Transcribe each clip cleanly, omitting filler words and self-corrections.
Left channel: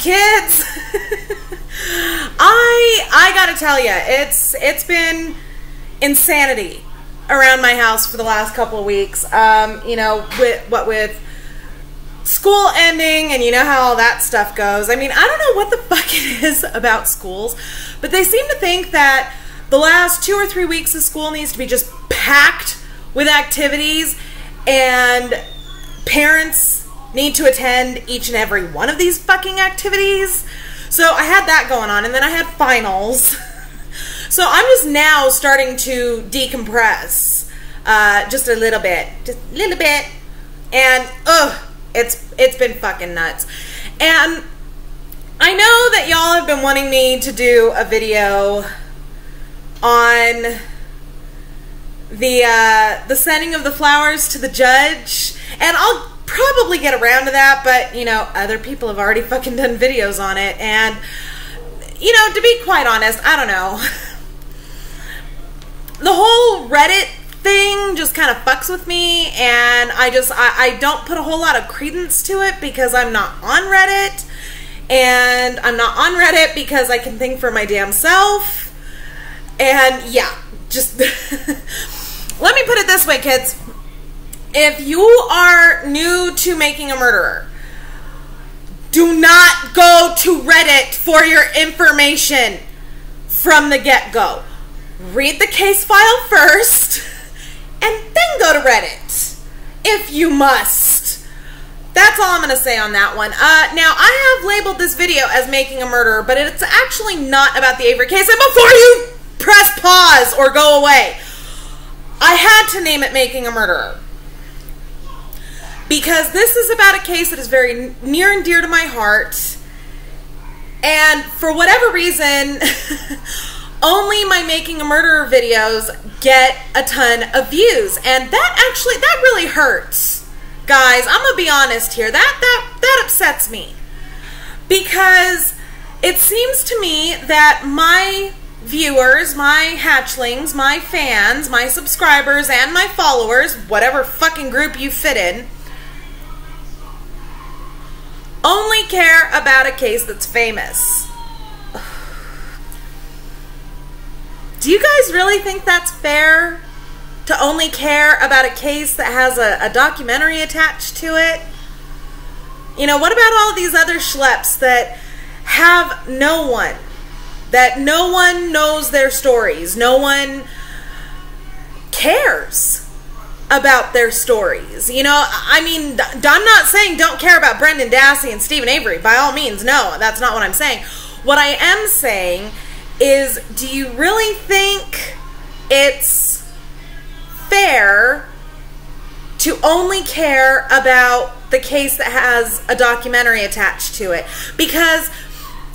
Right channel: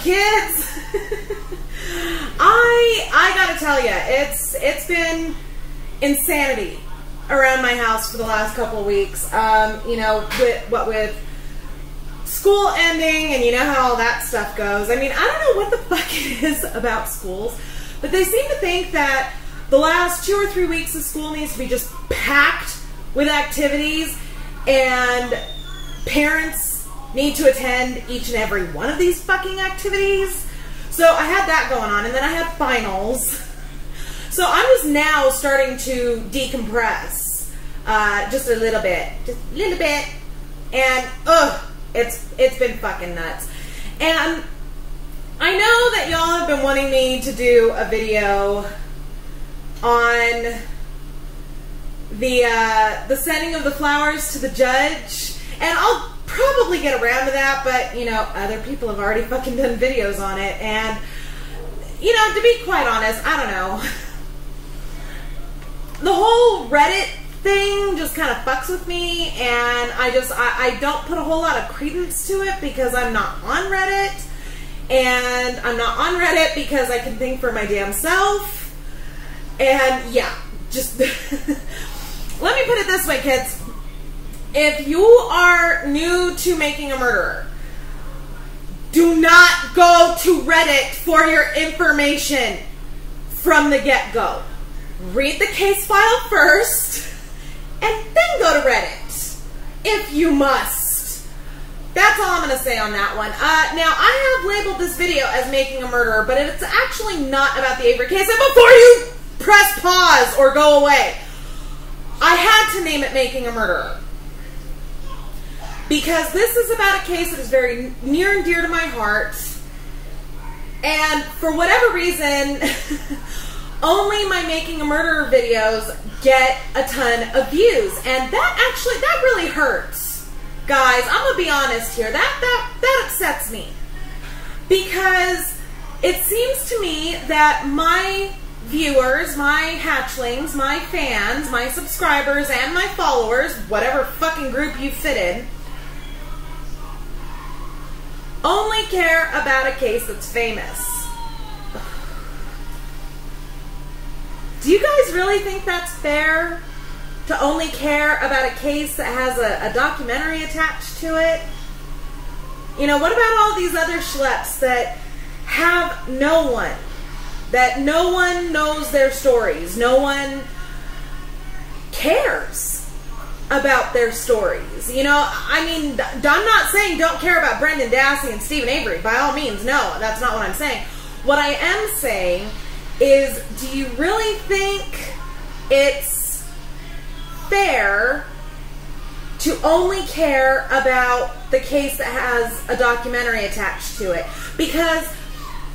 kids. I gotta tell you, it's been insanity around my house for the last couple of weeks. You know, with school ending, and you know how all that stuff goes. I mean, I don't know what the fuck it is about schools, but they seem to think that the last 2 or 3 weeks of school needs to be just packed with activities, and parents need to attend each and every one of these fucking activities. So I had that going on, and then I had finals. So I'm just now starting to decompress, just a little bit, and it's been fucking nuts. And I know that y'all have been wanting me to do a video on the sending of the flowers to the judge, and I'll probably get around to that, but you know, other people have already fucking done videos on it, and you know, to be quite honest, I don't know. The whole Reddit thing just kind of fucks with me, and I don't put a whole lot of credence to it because I'm not on Reddit, and I'm not on Reddit because I can think for my damn self, and yeah, just let me put it this way, kids. If you are new to Making a Murderer, do not go to Reddit for your information from the get-go. Read the case file first, and then go to Reddit, if you must. That's all I'm going to say on that one. Now, I have labeled this video as Making a Murderer, but it's actually not about the Avery case. And before you press pause or go away, I had to name it Making a Murderer, because this is about a case that is very near and dear to my heart, and for whatever reason, only my Making a Murderer videos get a ton of views, and that really hurts, guys. I'm gonna be honest here. That upsets me, because it seems to me that my viewers, my hatchlings, my fans, my subscribers, and my followers, whatever fucking group you fit in, only care about a case that's famous. Do you guys really think that's fair? To only care about a case that has a documentary attached to it? You know, what about all these other schleps that have no one? That no one knows their stories. No one cares about their stories. You know, I mean, I'm not saying don't care about Brendan Dassey and Steven Avery. By all means, no, that's not what I'm saying. What I am saying is, do you really think it's fair to only care about the case that has a documentary attached to it? Because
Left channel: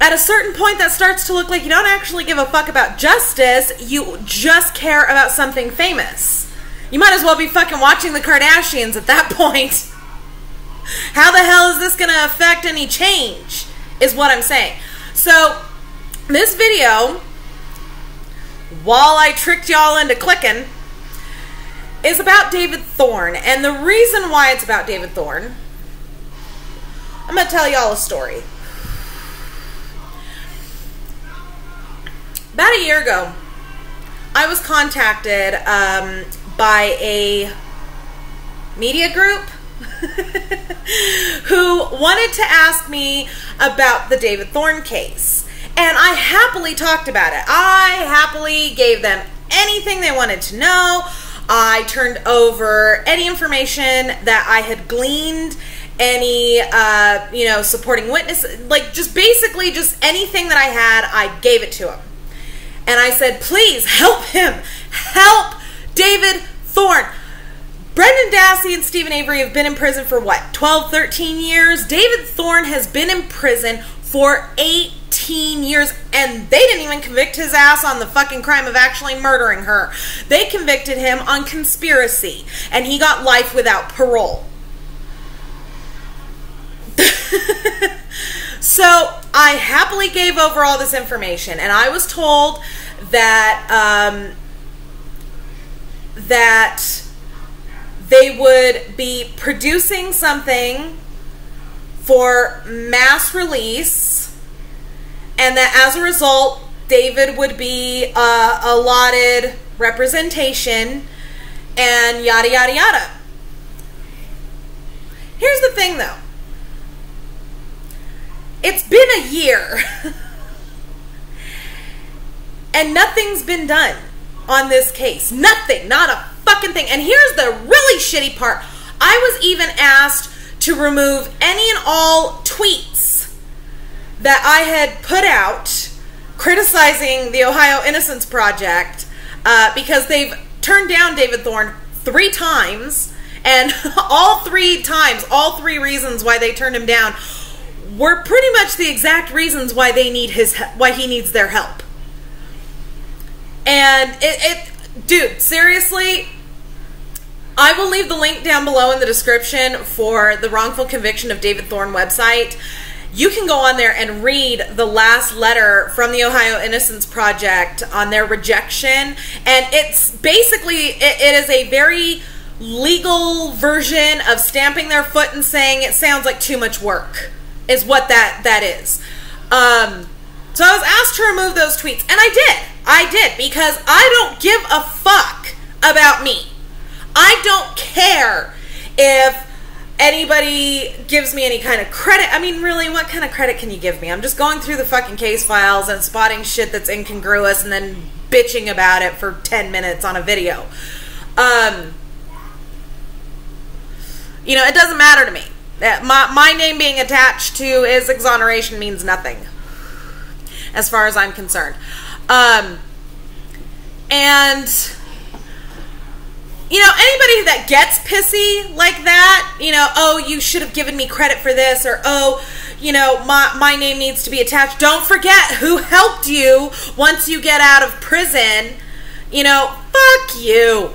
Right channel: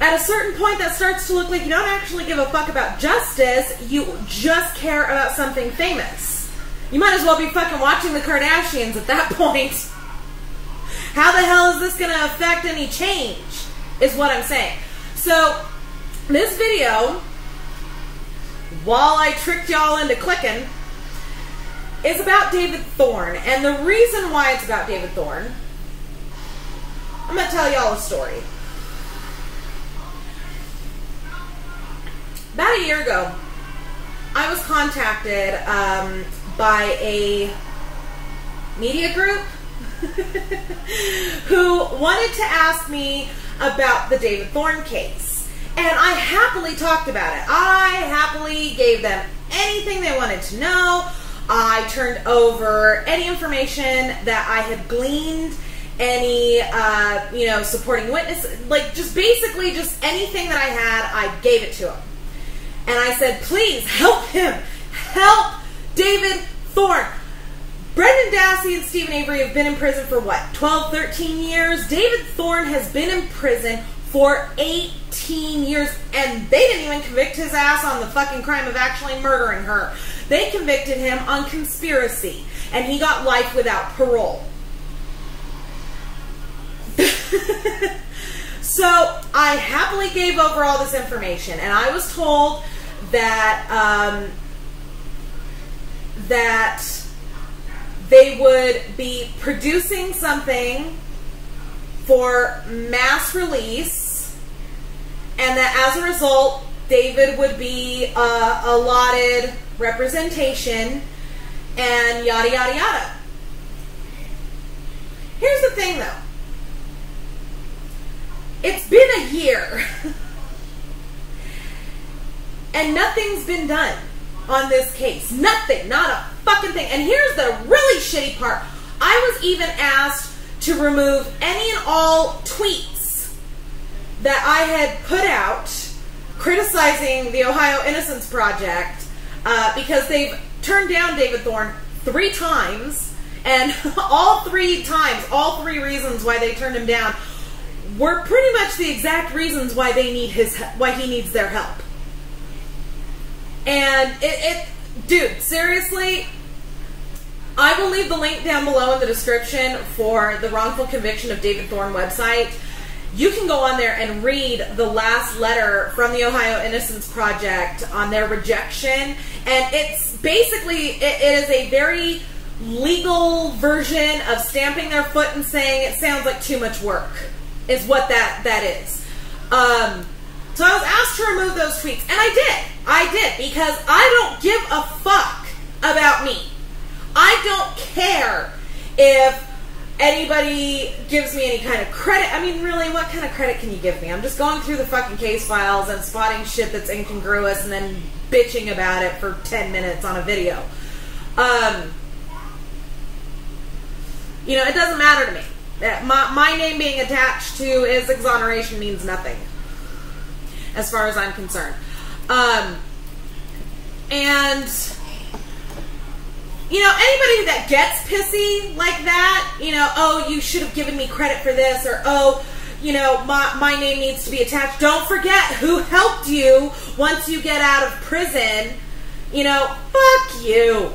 at a certain point that starts to look like you don't actually give a fuck about justice, you just care about something famous. You might as well be fucking watching the Kardashians at that point. How the hell is this going to affect any change, is what I'm saying. So, this video, while I tricked y'all into clicking, is about David Thorne. And the reason why it's about David Thorne, I'm going to tell y'all a story. About a year ago, I was contacted by a media group who wanted to ask me about the David Thorne case. And I happily talked about it. I happily gave them anything they wanted to know. I turned over any information that I had gleaned, any, you know, supporting witnesses, like just basically just anything that I had, I gave it to them. And I said, please help him. Help David Thorne. Brendan Dassey and Steven Avery have been in prison for what, 12, 13 years? David Thorne has been in prison for 18 years, and they didn't even convict his ass on the fucking crime of actually murdering her. They convicted him on conspiracy, and he got life without parole. So I happily gave over all this information, and I was told that that they would be producing something for mass release and that as a result, David would be allotted representation and yada, yada, yada. Here's the thing, though. It's been a year, and nothing's been done on this case. Nothing. Not a fucking thing. And here's the really shitty part. I was even asked to remove any and all tweets that I had put out criticizing the Ohio Innocence Project because they've turned down David Thorne 3 times, and all 3 times, all 3 reasons why they turned him down were pretty much the exact reasons why they need why he needs their help. And dude, seriously, I will leave the link down below in the description for the wrongful conviction of David Thorne website. You can go on there and read the last letter from the Ohio Innocence Project on their rejection. And it's basically, it is a very legal version of stamping their foot and saying it sounds like too much work, is what that is. So I was asked to remove those tweets, and I did, because I don't give a fuck about me. I don't care if anybody gives me any kind of credit. I mean, really, what kind of credit can you give me? I'm just going through the fucking case files and spotting shit that's incongruous and then bitching about it for 10 minutes on a video. You know, it doesn't matter to me. My name being attached to his exoneration means nothing, as far as I'm concerned. And, you know, anybody that gets pissy like that, you know, oh, you should have given me credit for this, or, oh, you know, my name needs to be attached. Don't forget who helped you once you get out of prison. You know, fuck you.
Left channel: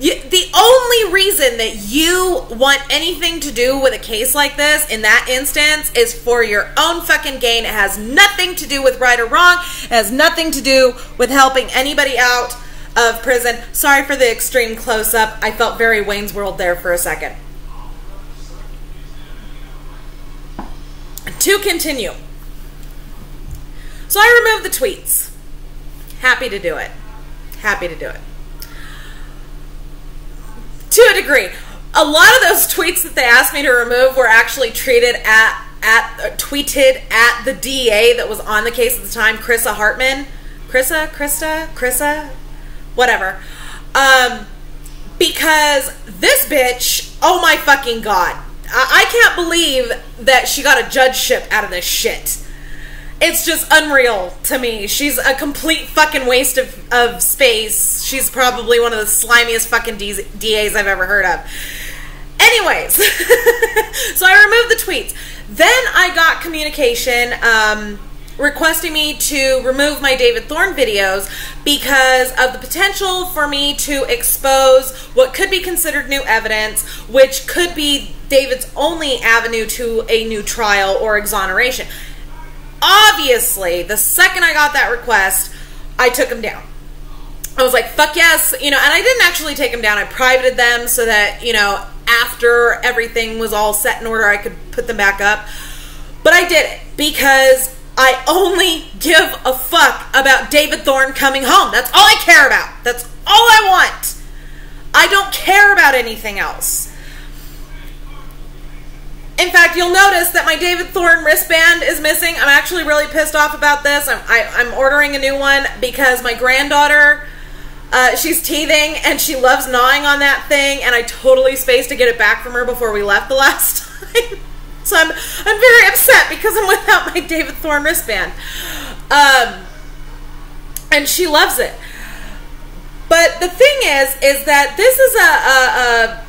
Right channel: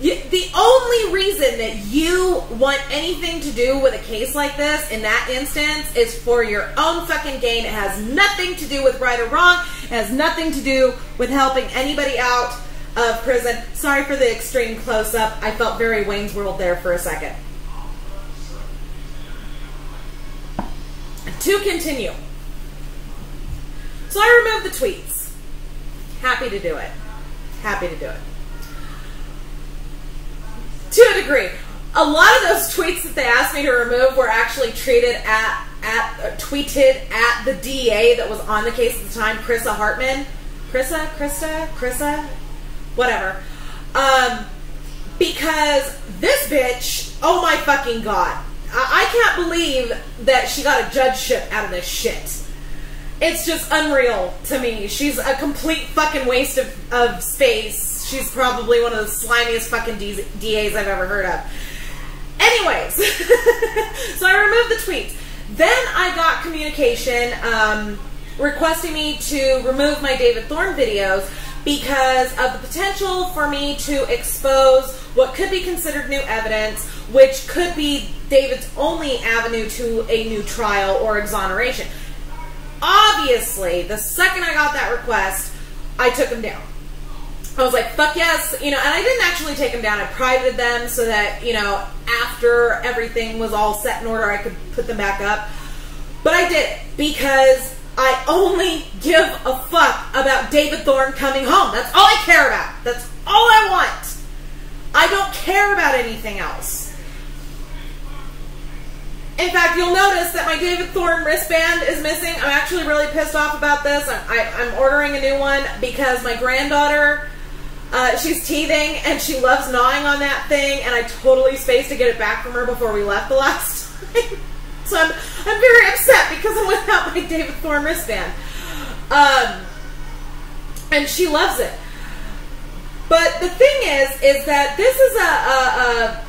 The only reason that you want anything to do with a case like this, in that instance, is for your own fucking gain. It has nothing to do with right or wrong. It has nothing to do with helping anybody out of prison. Sorry for the extreme close-up. I felt very Wayne's World there for a second. To continue. So I removed the tweets. Happy to do it. Happy to do it. To a degree. A lot of those tweets that they asked me to remove were actually tweeted at the DA that was on the case at the time, Krista Hartman. Krista? Whatever. Because this bitch, oh my fucking God. I can't believe that she got a judgeship out of this shit. It's just unreal to me. She's a complete fucking waste of space. She's probably one of the slimiest fucking DAs I've ever heard of. Anyways, so I removed the tweets. Then I got communication requesting me to remove my David Thorne videos because of the potential for me to expose what could be considered new evidence, which could be David's only avenue to a new trial or exoneration. Obviously, the second I got that request, I took them down. I was like, fuck yes, you know, and I didn't actually take them down. I privated them so that, you know, after everything was all set in order, I could put them back up. But I did it because I only give a fuck about David Thorne coming home. That's all I care about. That's all I want. I don't care about anything else. In fact, you'll notice that my David Thorne wristband is missing. I'm actually really pissed off about this. I'm ordering a new one because my granddaughter, she's teething and she loves gnawing on that thing, and I totally spaced to get it back from her before we left the last time. So I'm very upset because I'm without my David Thorne wristband. And she loves it. But the thing is that this is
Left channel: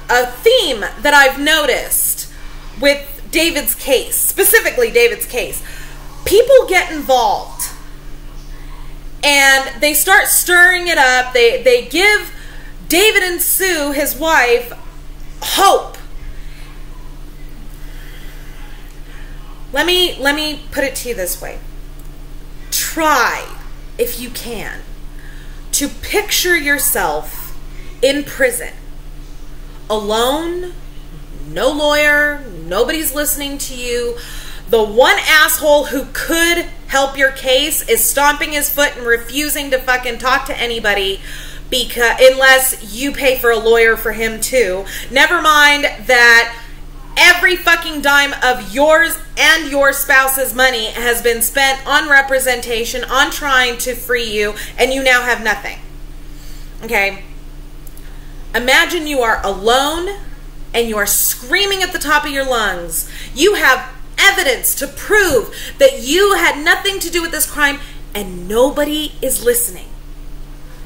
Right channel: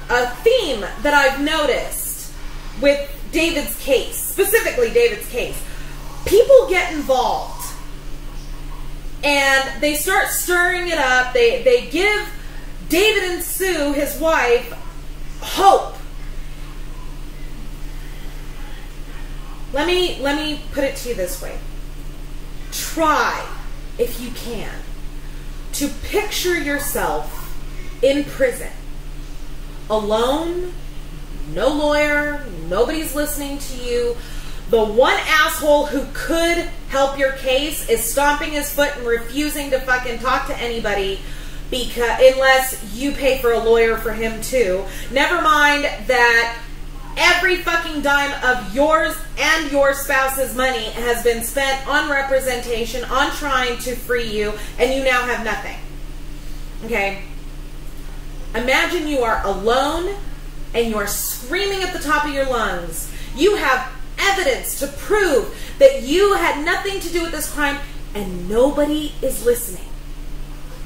a theme that I've noticed with David's case, specifically David's case. People get involved and they start stirring it up. They give David and Sue, his wife, hope. Let me put it to you this way. Try, if you can, to picture yourself in prison, alone, no lawyer, nobody's listening to you, The one asshole who could help your case is stomping his foot and refusing to fucking talk to anybody, because unless you pay for a lawyer for him too. Never mind that every fucking dime of yours and your spouse's money has been spent on representation, on trying to free you, and you now have nothing. Okay? Imagine you are alone and you are screaming at the top of your lungs. You have evidence to prove that you had nothing to do with this crime, and nobody is listening.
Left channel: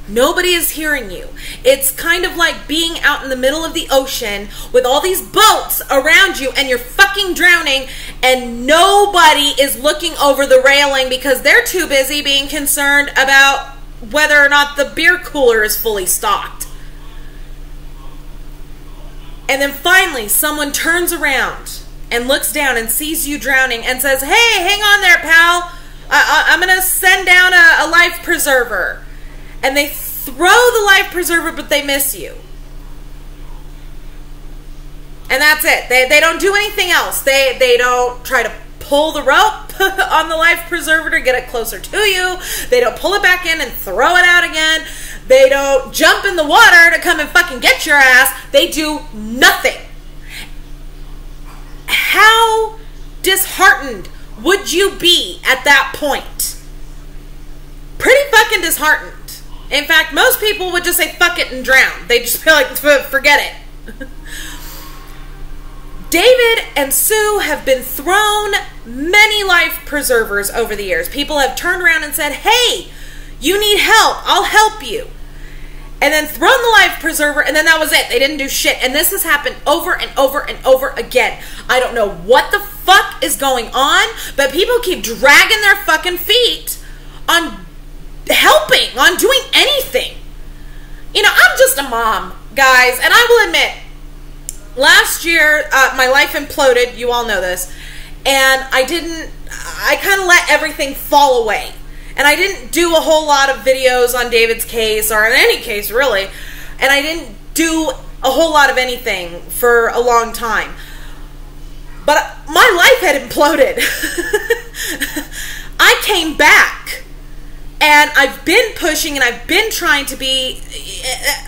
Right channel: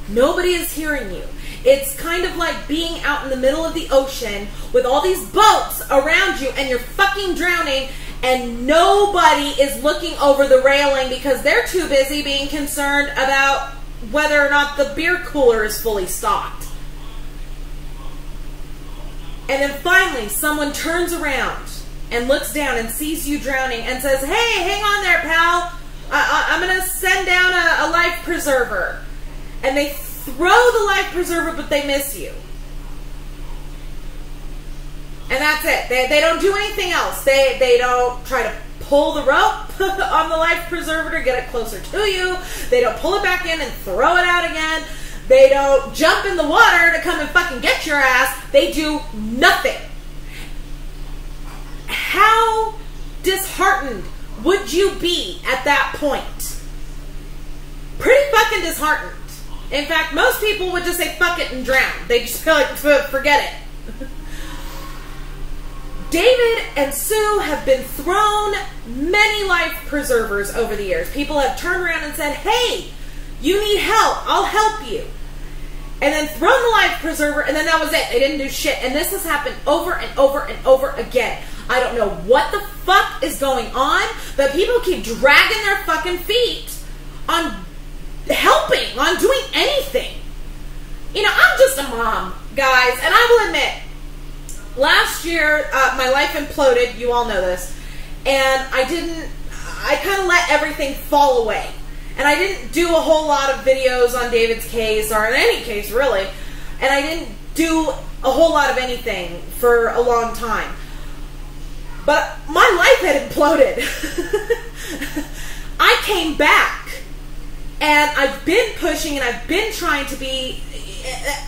Nobody is hearing you. It's kind of like being out in the middle of the ocean with all these boats around you and you're fucking drowning, and nobody is looking over the railing because they're too busy being concerned about whether or not the beer cooler is fully stocked. And then finally someone turns around and looks down and sees you drowning and says, "Hey, hang on there, pal. I'm going to send down a life preserver." And they throw the life preserver, but they miss you. And that's it. They don't do anything else. They don't try to pull the rope on the life preserver to get it closer to you. They don't pull it back in and throw it out again. They don't jump in the water to come and fucking get your ass. They do nothing. How disheartened would you be at that point? Pretty fucking disheartened. In fact, most people would just say fuck it and drown. They'd just be like, forget it. David and Sue have been thrown many life preservers over the years. People have turned around and said, "Hey, you need help. I'll help you." And then thrown the life preserver, and then that was it. They didn't do shit. And this has happened over and over and over again. I don't know what the fuck is going on, but people keep dragging their fucking feet on helping, on doing anything. You know, I'm just a mom, guys, and I will admit, last year, my life imploded. You all know this. And I kind of let everything fall away. And I didn't do a whole lot of videos on David's case, or in any case, really. And I didn't do a whole lot of anything for a long time. But my life had imploded. I came back. And I've been pushing and I've been trying to be,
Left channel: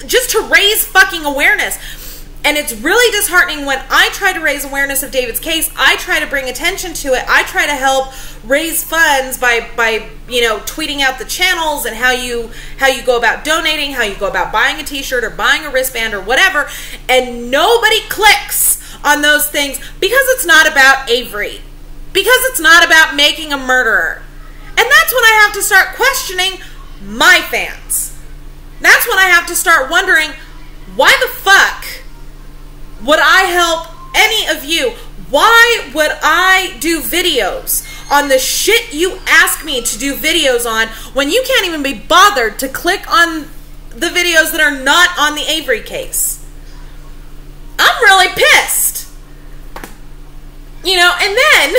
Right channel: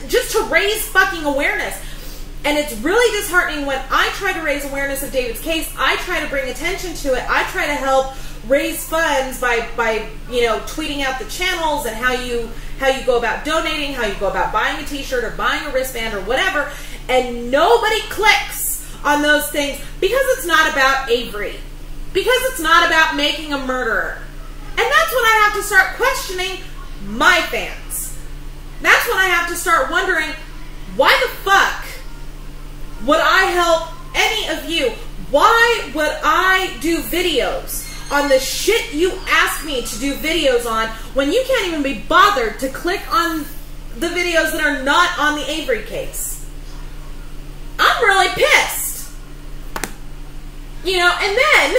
just to raise fucking awareness. And it's really disheartening when I try to raise awareness of David's case. I try to bring attention to it. I try to help raise funds by you know, tweeting out the channels and how you go about donating, how you go about buying a t-shirt or buying a wristband or whatever. And nobody clicks on those things because it's not about Avery. Because it's not about making a murderer. And that's when I have to start questioning my fans. That's when I have to start wondering, why the fuck would I help any of you? Why would I do videos on the shit you ask me to do videos on when you can't even be bothered to click on the videos that are not on the Avery case? I'm really pissed. You know, and then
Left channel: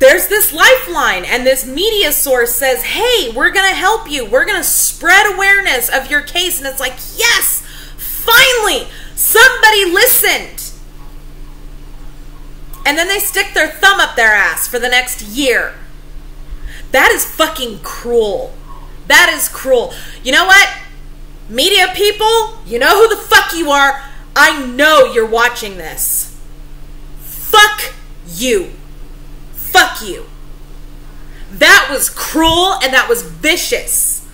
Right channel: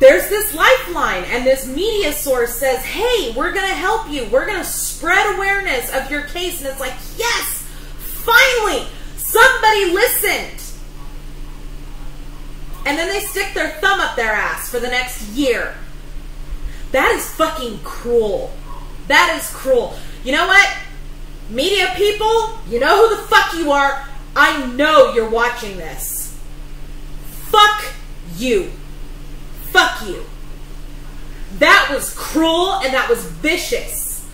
there's this lifeline, and this media source says, "Hey, we're going to help you. We're going to spread awareness of your case." And it's like, yes, finally, somebody listened. And then they stick their thumb up their ass for the next year. That is fucking cruel. That is cruel. You know what? Media people, you know who the fuck you are. I know you're watching this. Fuck you. Fuck you. That was cruel and that was vicious.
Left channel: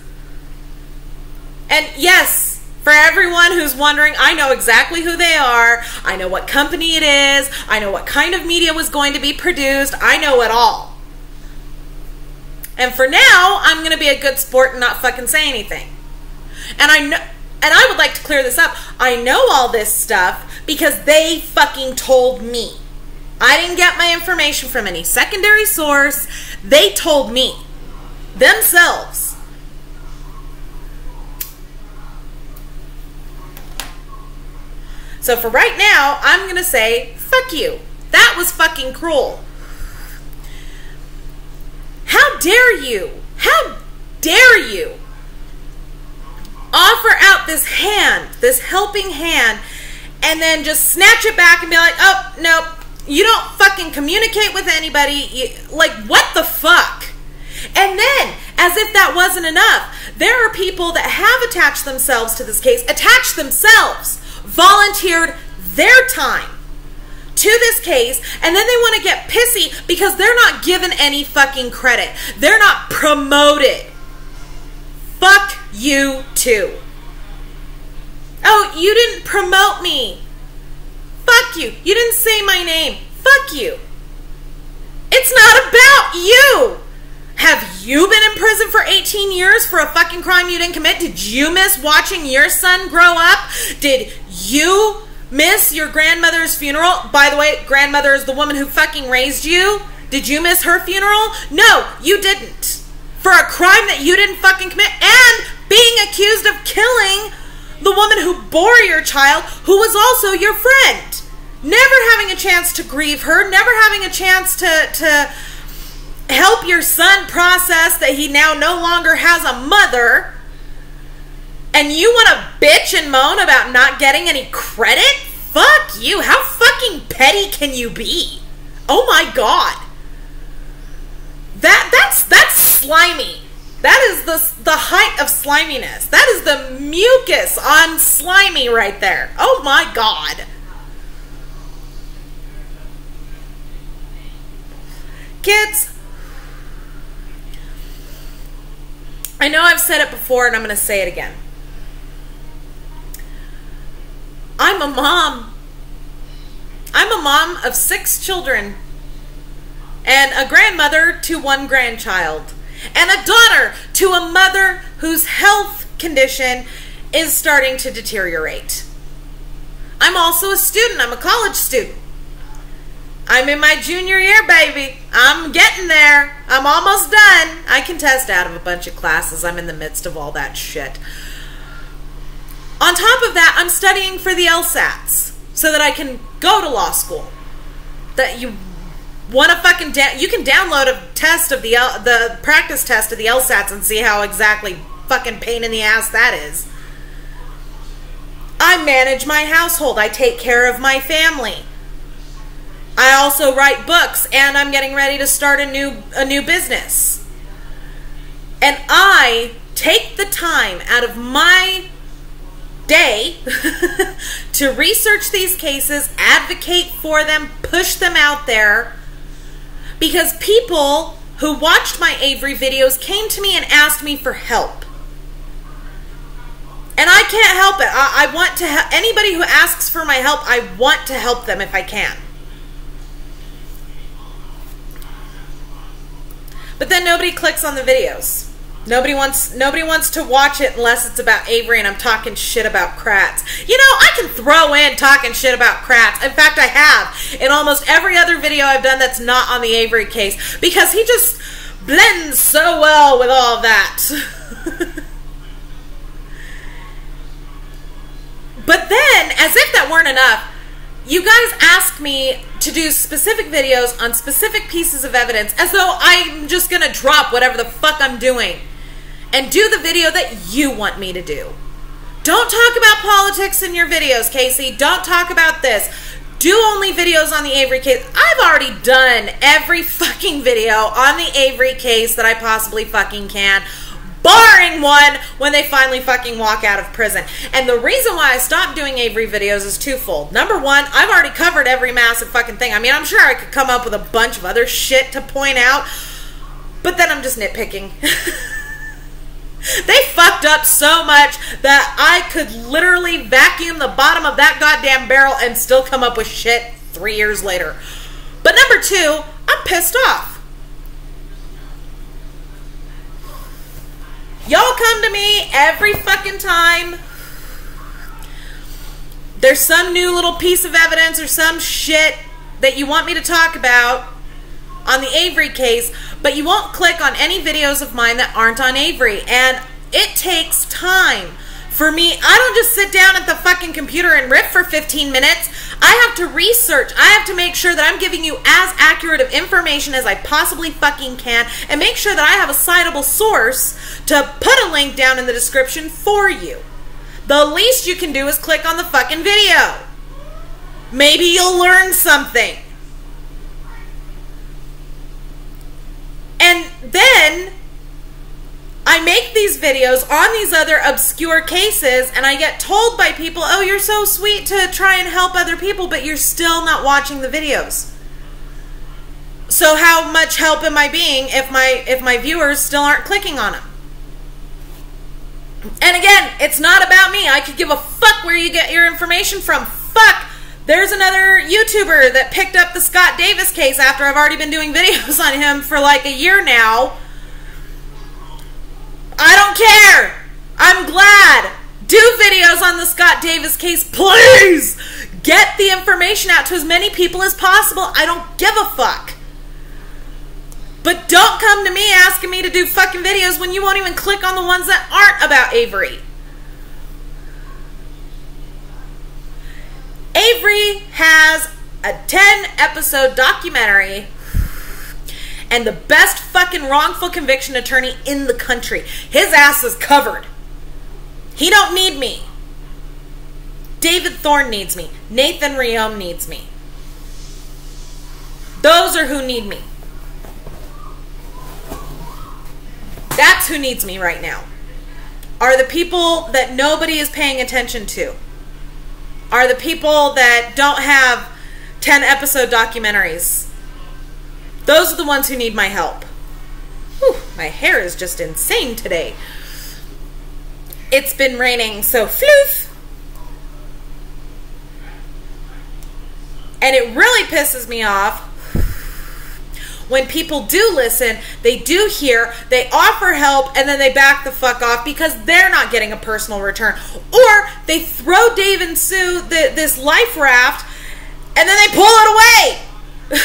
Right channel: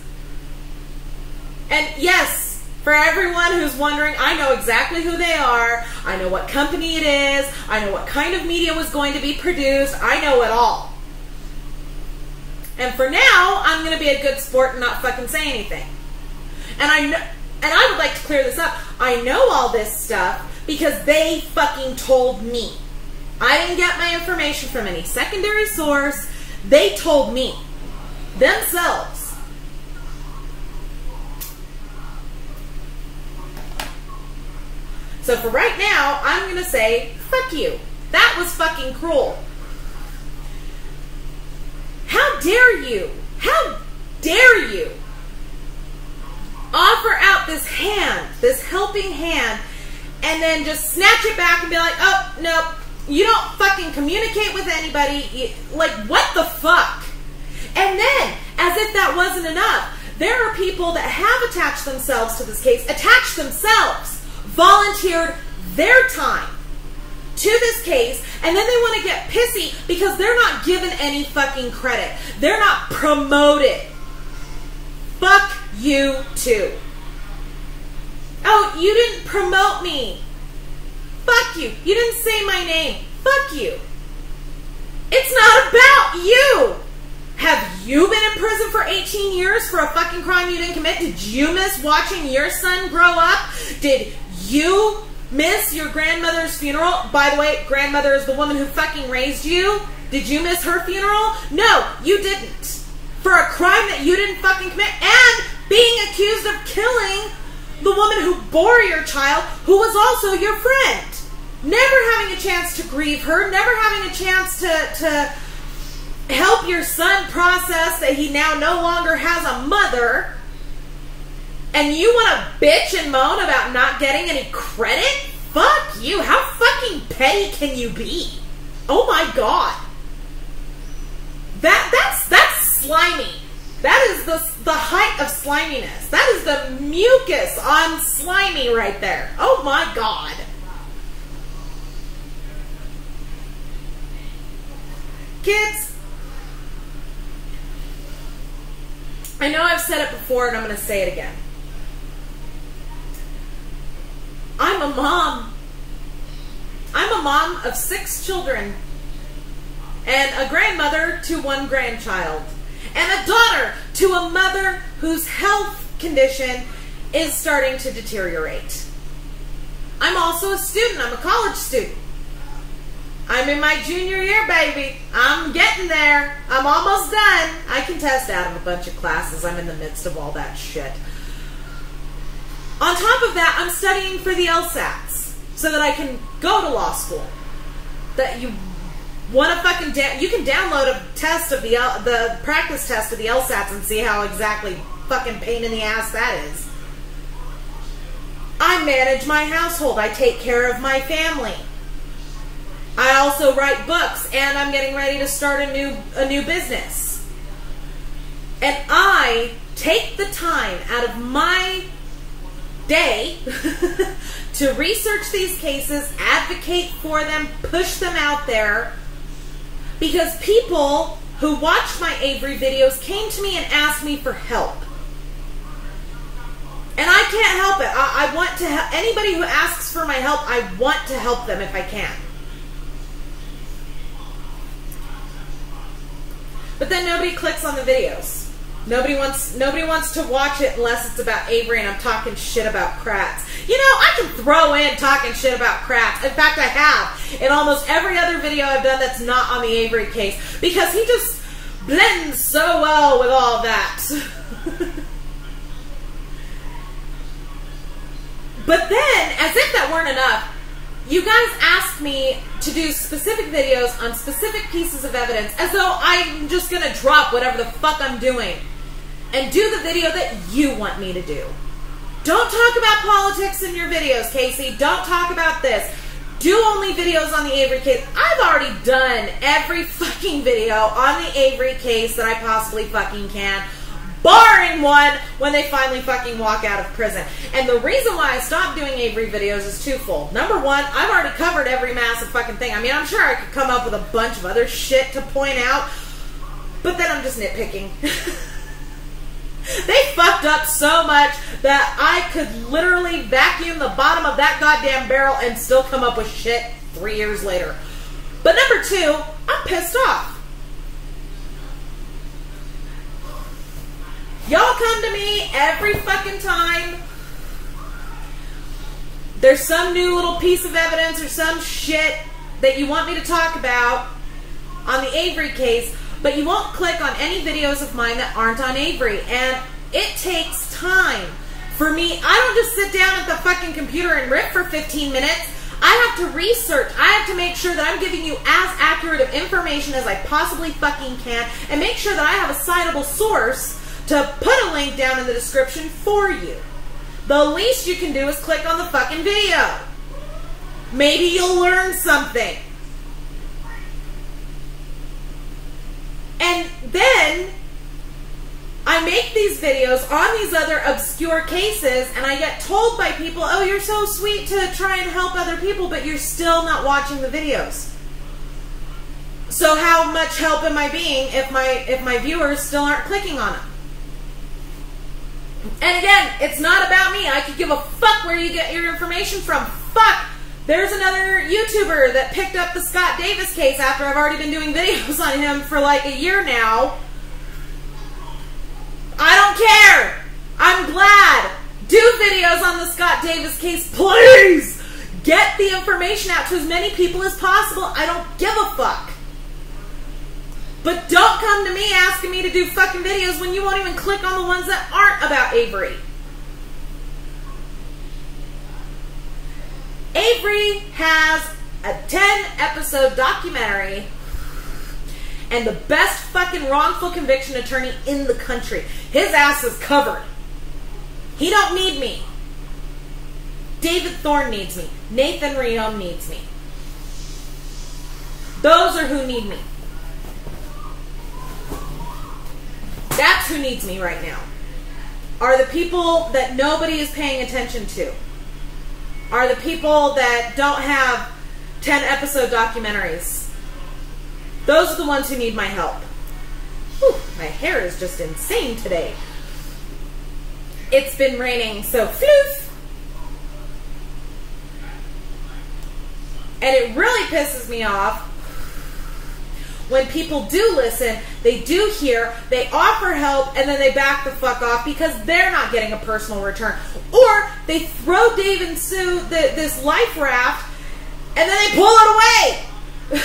And yes, for everyone who's wondering, I know exactly who they are. I know what company it is. I know what kind of media was going to be produced. I know it all. And for now, I'm going to be a good sport and not fucking say anything. And I would like to clear this up. I know all this stuff because they fucking told me. I didn't get my information from any secondary source. They told me themselves. So for right now, I'm going to say, fuck you. That was fucking cruel. How dare you? How dare you offer out this hand, this helping hand, and then just snatch it back and be like, "Oh, nope, You don't fucking communicate with anybody. Like, what the fuck? And then, as if that wasn't enough, there are people that have attached themselves to this case, volunteered their time to this case, and then they want to get pissy because they're not given any fucking credit. They're not promoted. Fuck you too. Oh, you didn't promote me. Fuck you. You didn't say my name. Fuck you. It's not about you. Have you been in prison for 18 years for a fucking crime you didn't commit? Did you miss watching your son grow up? Did you miss your grandmother's funeral? By the way, grandmother is the woman who fucking raised you. Did you miss her funeral? No, you didn't. For a crime that you didn't fucking commit, and being accused of killing the woman who bore your child, who was also your friend. Never having a chance to grieve her, never having a chance to help your son process that he now no longer has a mother, and you want to bitch and moan about not getting any credit? Fuck you. How fucking petty can you be? Oh my god. That's slimy. That is the height of sliminess. That is the mucus on slimy right there. Oh my god. Kids, I know I've said it before and I'm going to say it again. I'm a mom. I'm a mom of 6 children and a grandmother to 1 grandchild and a daughter to a mother whose health condition is starting to deteriorate. I'm also a student. I'm a college student. I'm in my junior year, baby. I'm getting there. I'm almost done. I can test out of a bunch of classes. I'm in the midst of all that shit. On top of that, I'm studying for the LSATs so that I can go to law school. That you want to fucking you can download a test of the practice test of the LSATs and see how exactly fucking pain in the ass that is. I manage my household. I take care of my family. I also write books, and I'm getting ready to start a new business. And I take the time out of my day to research these cases, advocate for them, push them out there, because people who watched my Avery videos came to me and asked me for help. And I can't help it. I want to help anybody who asks for my help. I want to help them if I can. But then nobody clicks on the videos. Nobody wants to watch it unless it's about Avery and I'm talking shit about Kratz. You know, I can throw in talking shit about Kratz. In fact, I have in almost every other video I've done that's not on the Avery case, because he just blends so well with all of that. But then, as if that weren't enough, you guys asked me to do specific videos on specific pieces of evidence, as though I'm just gonna drop whatever the fuck I'm doing and do the video that you want me to do. Don't talk about politics in your videos, Casey. Don't talk about this. Do only videos on the Avery case. I've already done every fucking video on the Avery case that I possibly fucking can, barring one when they finally fucking walk out of prison. And the reason why I stopped doing Avery videos is twofold. Number one, I've already covered every massive fucking thing. I mean, I'm sure I could come up with a bunch of other shit to point out, but then I'm just nitpicking. They fucked up so much that I could literally vacuum the bottom of that goddamn barrel and still come up with shit 3 years later. But number two, I'm pissed off. Y'all come to me every fucking time there's some new little piece of evidence or some shit that you want me to talk about on the Avery case, but you won't click on any videos of mine that aren't on Avery. And it takes time for me. I don't just sit down at the fucking computer and rip for 15 minutes. I have to research. I have to make sure that I'm giving you as accurate of information as I possibly fucking can, and make sure that I have a citable source to put a link down in the description for you. The least you can do is click on the fucking video. Maybe you'll learn something. And then I make these videos on these other obscure cases, and I get told by people, oh, you're so sweet to try and help other people, but you're still not watching the videos. So how much help am I being if my viewers still aren't clicking on them? And again, it's not about me. I could give a fuck where you get your information from. Fuck. There's another YouTuber that picked up the Scott Davis case after I've already been doing videos on him for like a year now. I don't care. I'm glad. Do videos on the Scott Davis case, please. Get the information out to as many people as possible. I don't give a fuck. But don't come to me asking me to do fucking videos when you won't even click on the ones that aren't about Avery. Avery has a 10-episode documentary and the best fucking wrongful conviction attorney in the country. His ass is covered. He don't need me. David Thorne needs me. Nathan Riom needs me. Those are who need me. That's who needs me right now. Are the people that nobody is paying attention to. Are the people that don't have 10-episode documentaries. Those are the ones who need my help. Whew, my hair is just insane today. It's been raining, so floof. And it really pisses me off when people do listen, they do hear, they offer help, and then they back the fuck off because they're not getting a personal return. Or they throw Dave and Sue this life raft, and then they pull it away.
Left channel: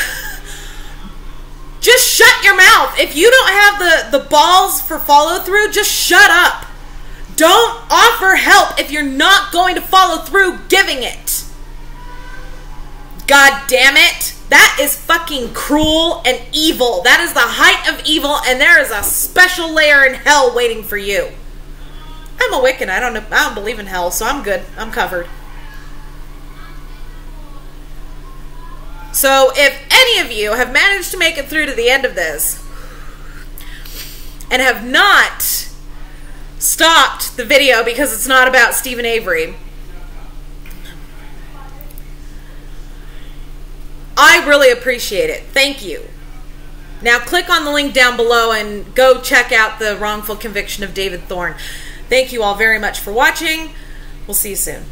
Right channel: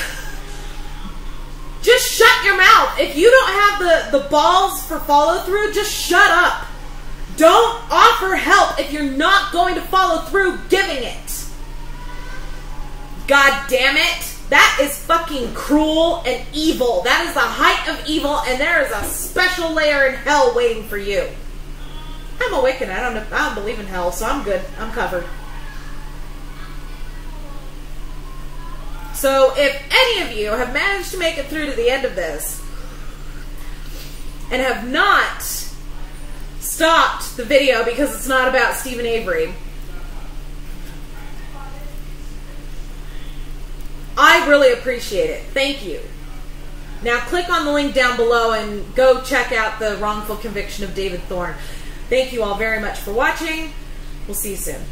Just shut your mouth. If you don't have the balls for follow through, just shut up. Don't offer help if you're not going to follow through giving it. God damn it. That is fucking cruel and evil. That is the height of evil, and there is a special layer in hell waiting for you. I'm a Wiccan. I don't believe in hell, so I'm good. I'm covered. So if any of you have managed to make it through to the end of this and have not stopped the video because it's not about Steven Avery, I really appreciate it. Thank you. Now click on the link down below and go check out the wrongful conviction of David Thorne. Thank you all very much for watching. We'll see you soon.